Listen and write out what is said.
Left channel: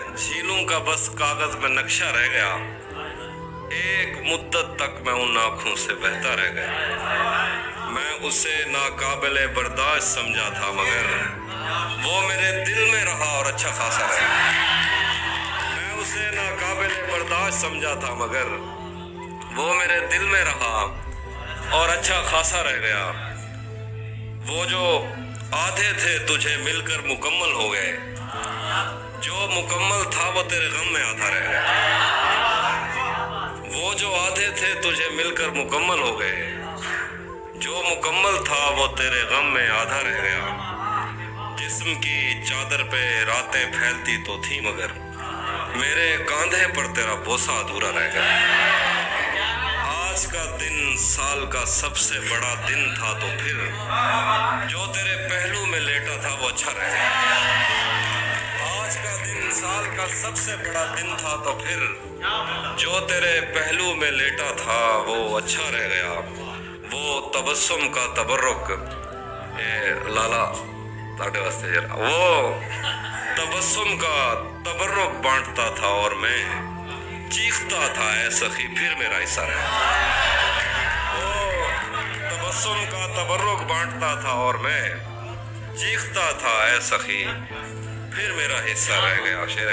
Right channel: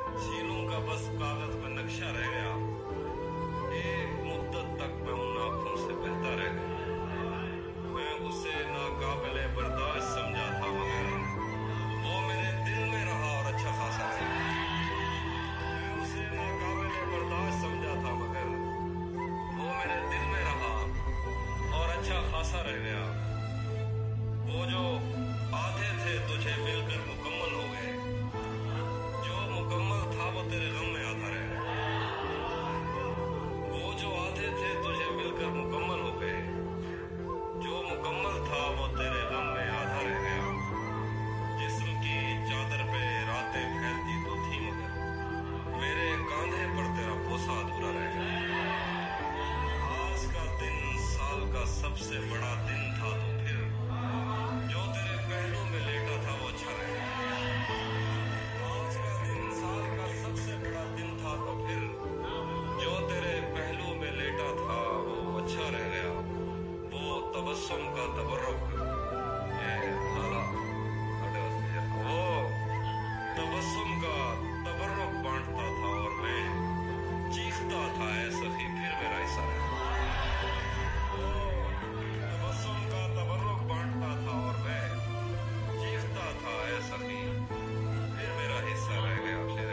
झीलों का बस कागज में नक्शा रह गया। एक मुद्दत तक मैं उन आंखों से बहता रह गया। मैं उसे नाकाबिले बर्दाश्त समझा था, मगर वो मेरे दिल में रहा और अच्छा खासा रह गया। मैं उसे नाकाबिले बर्दाश्त समझा था, मगर वो मेरे दिल में रहा और अच्छा खासा रह गया। वो जो आधे थे तुझे मिलकर मुकम्मल हो गए, जो मुकम्मल था वो तेरे गम में आधा रह गया। वो जो आधे थे तुझे मिलकर मुकम्मल हो गए, जो मुकम्मल था वो तेरे गम में आधा रह गया। जिस्म की चादर पे रातें फैलती तो थी, मगर मेरे कांधे पर तेरा बोसा अधूरा रह गया। आज का दिन साल का सबसे बड़ा दिन था, तो फिर जो तेरे पहलू में लेटा था वो अच्छा रह गया। आज का दिन साल का सबसे बड़ा दिन था, तो फिर जो तेरे पहलू में लेटा था वो अच्छा रह गया। वो तबस्सुम का तबर्रुक, लाला ताटे वास्ते जरा, वो तबस्सुम का तबर्रुक बांटता था और मैं चीखता था, ऐ सखी फिर मेरा हिस्सा रह गया। वो तबस्सुम का तबर्रुक बांटता था और मैं चीखता था, ऐ सखी फिर मेरा हिस्सा रह गया। शेर